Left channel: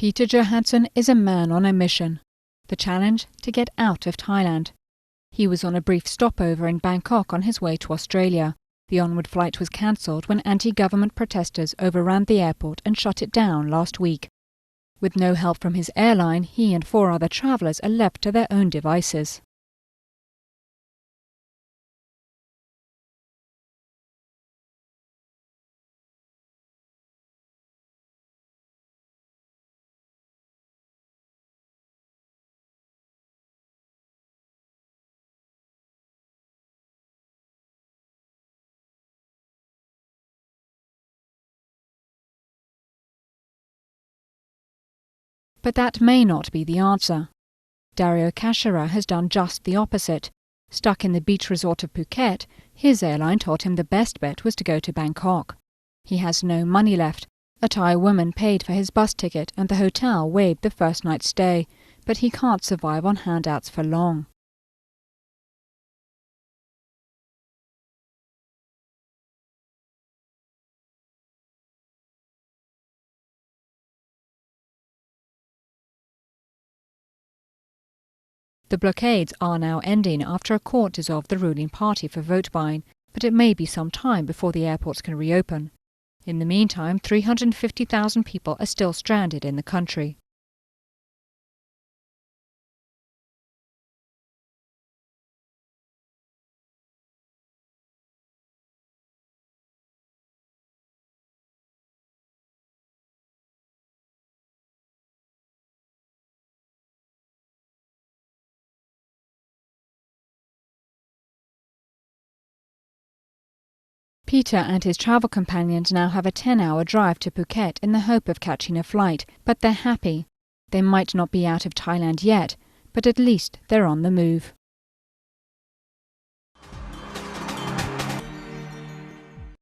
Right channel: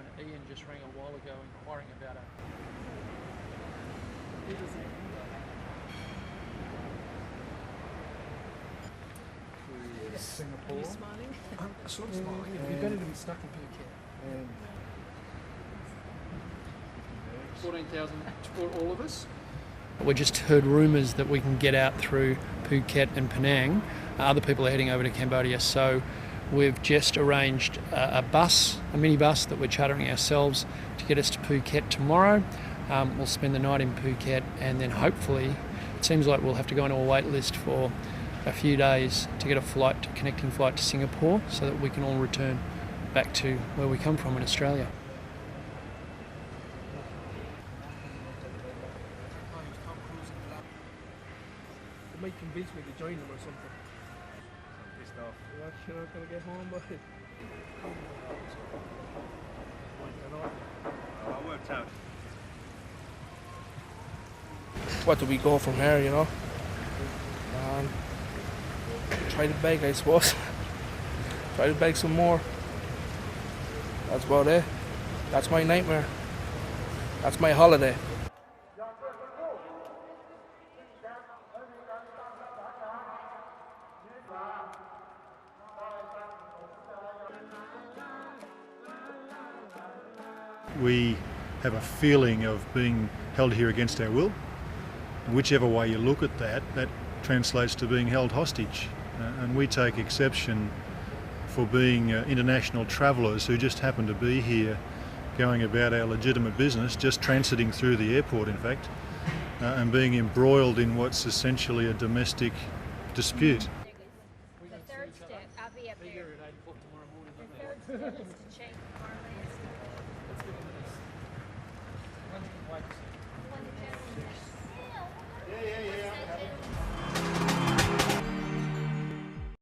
Peter Johansson is a man on a mission. The challenge to get out of Thailand. He was on a brief stopover in Bangkok on his way to Australia. The onward flight was cancelled when anti-government protesters overran the airport and shut it down last week. With no help from his airline, he and 4 other travellers are left to their own devices. We just heard rumours that we can get out through Phuket and Penang. Other people are heading over to Cambodia, so we've just arranged a minibus that we're chartering ourselves to get us to Phuket tomorrow. We'll spend the night in Phuket, and then hopefully, it seems like we'll have to go on a wait list for a few days to get a connecting flight to Singapore, so that we can all return back to where we come from in Australia. But that may not be the answer. Dario Kashara has done just the opposite. Stuck in the beach resort of Phuket, his airline told him the best bet was to go to Bangkok. He has no money left. A Thai woman paid for his bus ticket and the hotel waived the first night's stay. But he can't survive on handouts for long. Where do we go from here, you know? Try to beg, I suppose. Try to beg some more. That's about it. That's my nightmare. That's my holiday. The blockades are now ending after a court dissolved the ruling party for vote buying, but it may be some time before the airports can reopen. In the meantime, 350,000 people are still stranded in the country. We have a feeling of being held here against our will. And whichever way you look at that, that translates to being held hostage. And we take exception for being international travellers who just happen to be here going about our legitimate business, just transiting through the airport in fact, and being embroiled in what's essentially a domestic dispute. Peter and his travel companions now have a 10-hour drive to Phuket in the hope of catching a flight, but they're happy. They might not be out of Thailand yet, but at least they're on the move.